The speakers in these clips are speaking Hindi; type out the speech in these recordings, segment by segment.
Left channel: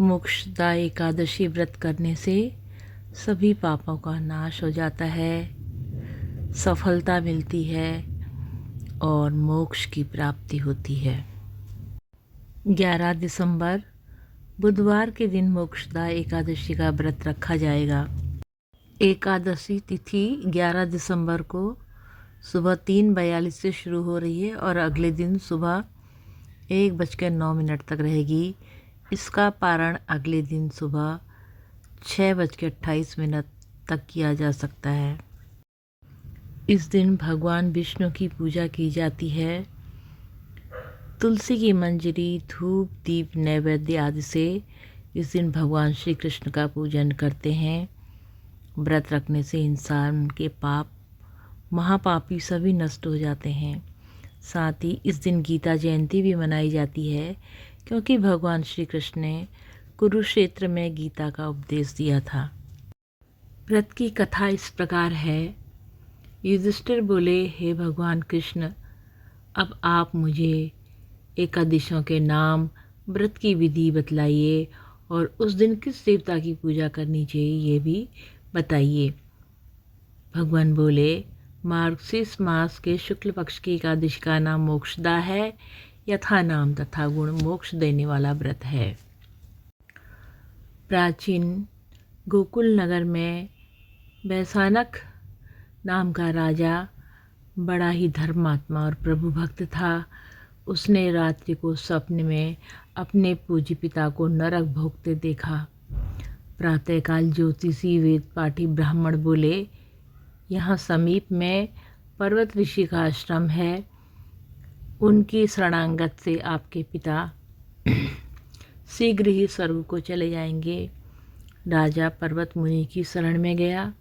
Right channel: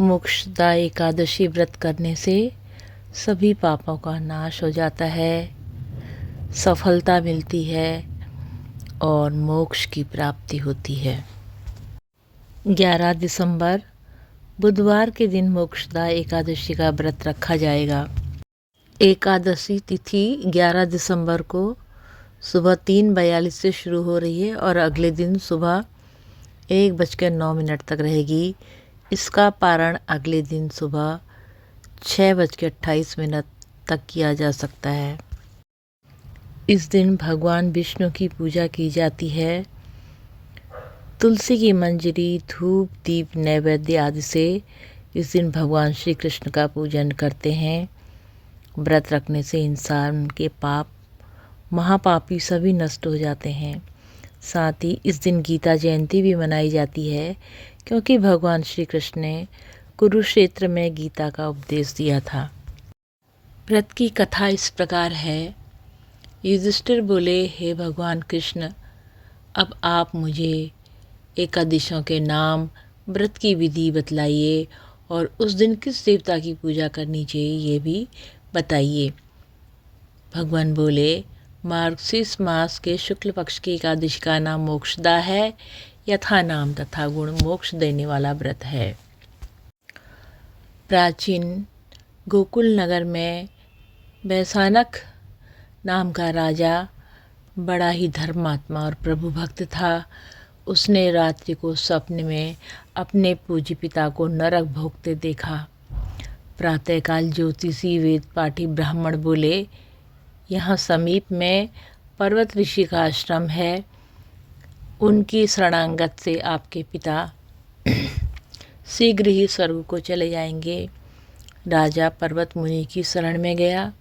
मोक्षदा एकादशी व्रत करने से सभी पापों का नाश हो जाता है, सफलता मिलती है और मोक्ष की प्राप्ति होती है। 11 दिसंबर बुधवार के दिन मोक्षदा एकादशी का व्रत रखा जाएगा। एकादशी तिथि 11 दिसंबर को सुबह 3:42 से शुरू हो रही है और अगले दिन सुबह 1:09 तक रहेगी। इसका पारण अगले दिन सुबह 6:28 तक किया जा सकता है। इस दिन भगवान विष्णु की पूजा की जाती है। तुलसी की मंजरी, धूप, दीप, नैवेद्य आदि से इस दिन भगवान श्री कृष्ण का पूजन करते हैं। व्रत रखने से इंसान के पाप, महापापी सभी नष्ट हो जाते हैं। साथ ही इस दिन गीता जयंती भी मनाई जाती है, क्योंकि भगवान श्री कृष्ण ने कुरुक्षेत्र में गीता का उपदेश दिया था। व्रत की कथा इस प्रकार है। युधिष्ठिर बोले, हे भगवान कृष्ण, अब आप मुझे एकादशियों के नाम, व्रत की विधि बतलाइए और उस दिन किस देवता की पूजा करनी चाहिए ये भी बताइए। भगवान बोले, मार्गशीर्ष मास के शुक्ल पक्ष की एकादशी का नाम मोक्षदा है। यथा नाम तथा गुण मोक्ष देने वाला व्रत है। प्राचीन गोकुल नगर में वैशानक नाम का राजा बड़ा ही धर्मात्मा और प्रभु भक्त था। उसने रात्रि को स्वप्न में अपने पूज्य पिता को नरक भोगते देखा। प्रातःकाल ज्योतिषी वेद पाठी ब्राह्मण बोले, यहाँ समीप में पर्वत ऋषि का आश्रम है। उनकी शरणागत से आपके पिता शीघ्र ही स्वर्ग को चले जाएंगे। राजा पर्वत मुनि की शरण में गया।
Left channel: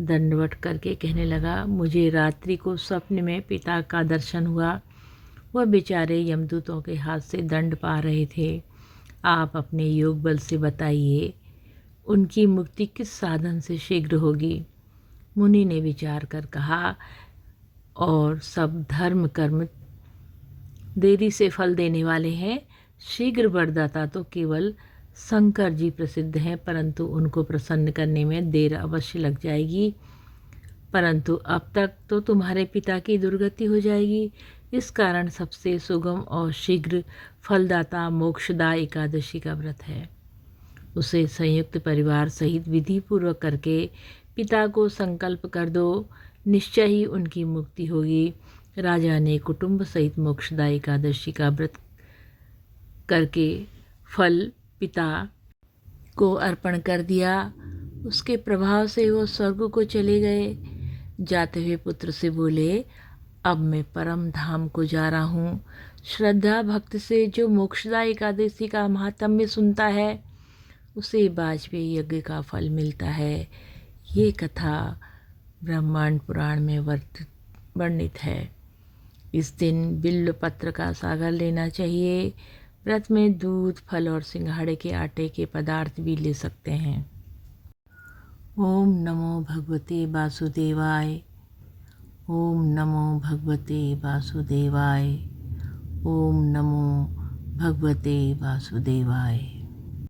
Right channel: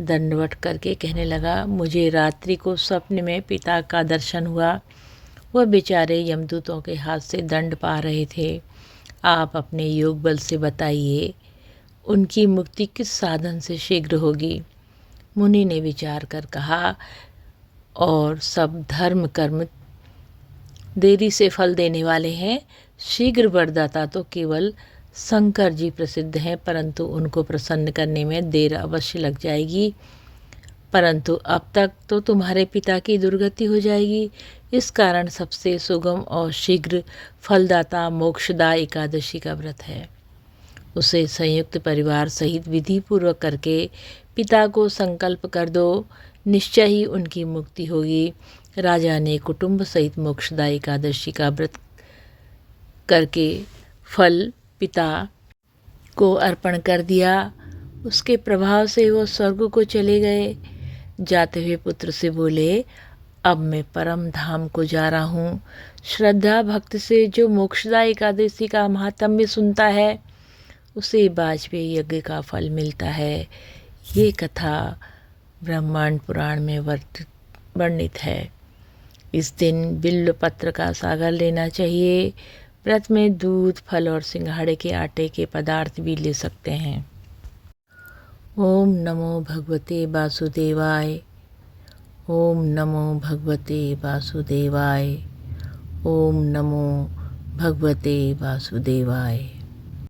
दंडवत करके कहने लगा, मुझे रात्रि को स्वप्न में पिता का दर्शन हुआ। वह बेचारे यमदूतों के हाथ से दंड पा रहे थे। आप अपने योग बल से बताइए, उनकी मुक्ति किस साधन से शीघ्र होगी। मुनि ने विचार कर कहा, और सब धर्म कर्म देरी से फल देने वाले हैं। शीघ्र वरदाता तो केवल शंकर जी प्रसिद्ध हैं, परंतु उनको प्रसन्न करने में देर अवश्य लग जाएगी। परंतु अब तक तो तुम्हारे पिता की दुर्गति हो जाएगी। इस कारण सबसे सुगम और शीघ्र फलदाता मोक्षदा एकादशी का व्रत है। उसे संयुक्त परिवार सहित विधि पूर्वक करके पिता को संकल्प कर दो, निश्चय ही उनकी मुक्ति होगी। राजा ने कुटुंब सहित मोक्षदा एकादशी का व्रत करके फल पिता को अर्पण कर दिया। उसके प्रभाव से वो स्वर्ग को चले गए। जाते हुए पुत्र से बोले, अब मैं परम धाम को जा रहा हूँ। श्रद्धा भक्त से जो मोक्षदा एकादशी का महात्म्य सुनता है, उसे वाजपेयी यज्ञ का फल मिलता है। ये कथा ब्रह्मांड पुराण में वर्णित है। इस दिन बिल्व पत्र का सागर लेना चाहिए। व्रत में दूध, फल और सिंघाड़े के आटे के पदार्थ भी ले सकते हैं। ओम नमो भगवते वासुदेवाय। ओम नमो भगवते वासुदेवाय। ओम नमो भगवते वासुदेवाय।